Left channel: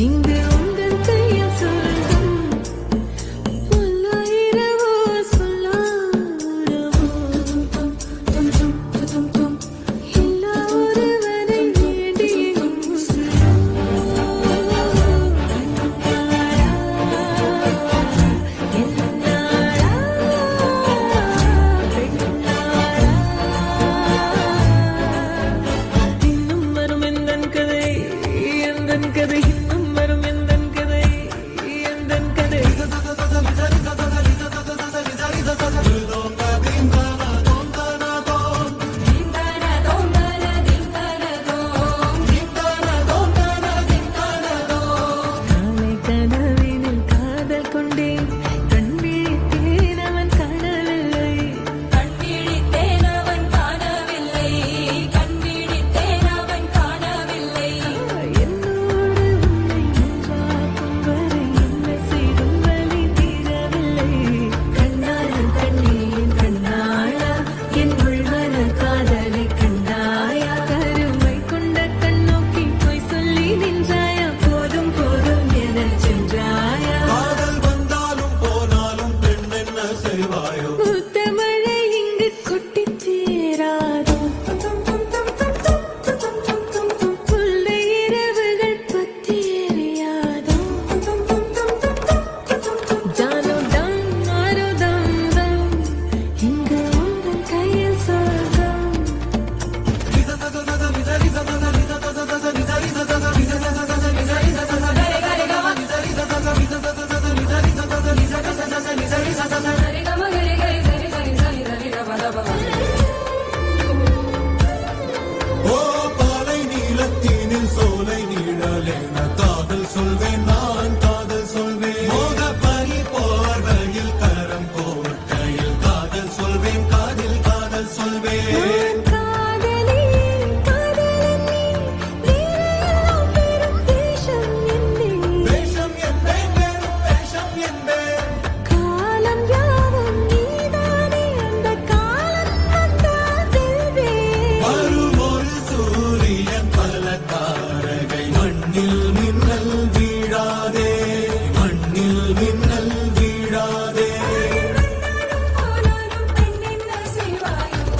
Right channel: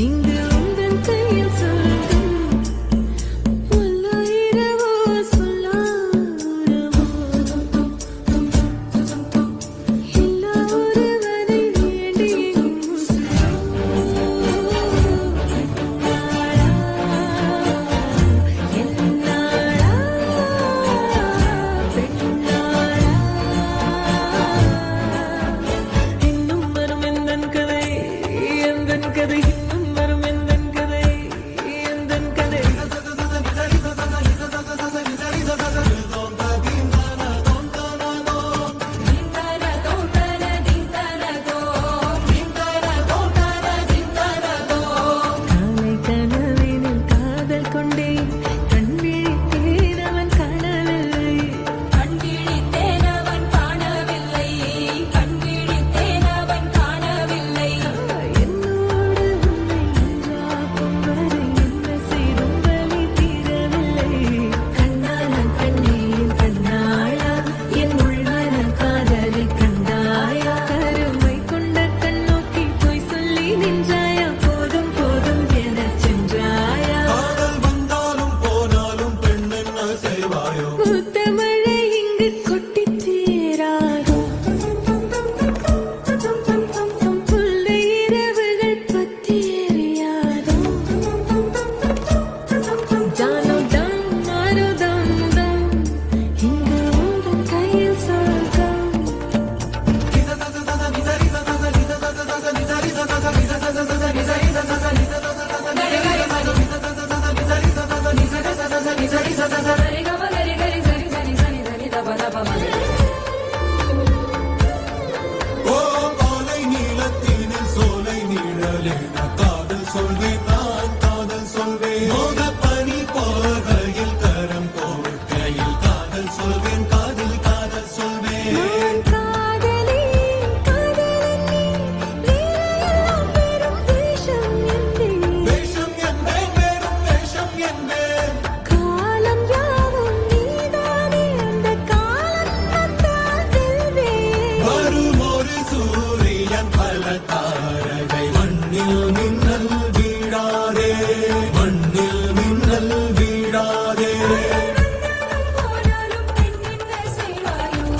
இங்கு உங்கள் கையில் சொல்லும் பல்லாயிரவோ சொல்லாரவோ எல்லா ஒருவனை வேண்டி என்னாளா பெண்ணாளா இன்னும் வரும் எந்தன் கதை எந்தன் கதை இன்னும் வரும் எந்தன் கதை எந்தன் கதை காலை கனவினில் காதல் கொண்டேன் கண் விழித்தேன் அவன் காணவில்லை என்னோடு உன்னை ஒன்றாக்கும் வரை என்ன செய்தும் வலி தீரவில்லை கண்ணாளன் பெண்ணேன் கண்ணாளா என் உள்மன காதலை கண்டாயா கருமை கொண்ட கண்ணோக்கி போய் சொல்லி நின்றாயா போதும் போதும் என சென்றாயா வந்தாலும் போனாலும் பெண் என்ன செய்வாயோ முத்தமழை இங்கு கொட்டித் தீராதோ புல்லை இரவுகள் பற்றி எரியாதோ ஜானோ டம் மாரோ தம் தம் இங்கு உங்கள் கையில் சொர்க்கம் ஓ பாலை நீலத்தீனின் சோலை நீழலே நான் காதல் சொல்வேன் நான் காதல் சொல்வேன் மோக பறி போகையில் கரம் கோர்க்கையில் காதல் சொல்வேன் காதில் காதல் சொல்வேன் நான் காதலி காதலன் நீ வேறையெல்லாம் பெரும் வேஷம் என்பேன் வேஷம் என்பேன் பெரும் வேஷம் என்பேன் காலம் யாவும் நீதானே அந்த காலம் வந்தால் செல்வேன் வரும் ஒரு சூரியன் பல தாரகை மண்ணில் மின்னல் வீழாதே மண்ணில் மின்னல் வீழாதே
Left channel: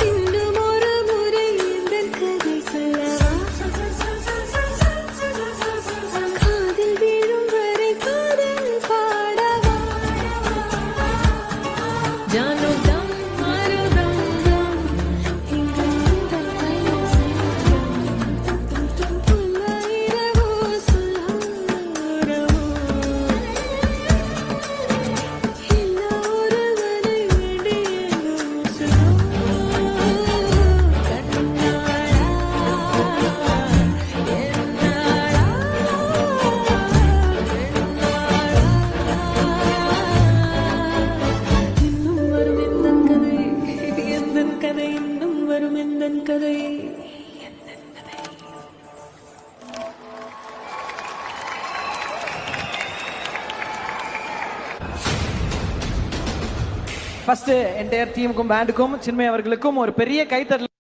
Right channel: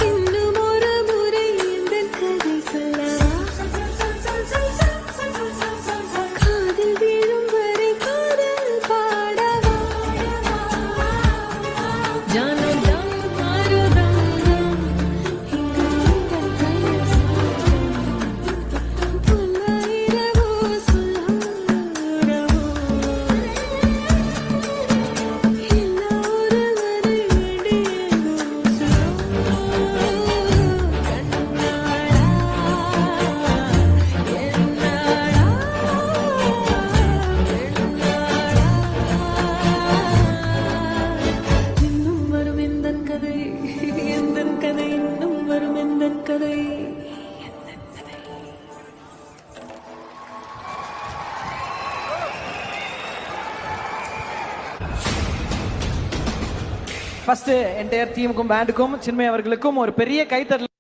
இன்னும் ஒரு முறை இந்த கதை சொல்லவா காதில் வீழும் வரை காதல் பாடவா ஜானோ தம் மாரோ தம் தம் இங்கு உங்கள் கையில் பல்லாயிரவோ சொல்லாரவோ எல்லா ஒருவனை வேண்டி எங்கும் கண்ணாளா என்னாளா பெண்ணாளா இன்னும் வரும் எந்தன் கதை எந்தன் கதை இன்னும் வரும் எந்தன் கதை ஃபர்ஸ்ட் என்டையர் டீமுக்கும் பேண்டுக்கும் சின்மய் அவர்களுக்கும் ஒரு பெரிய கைத்தட்டல்.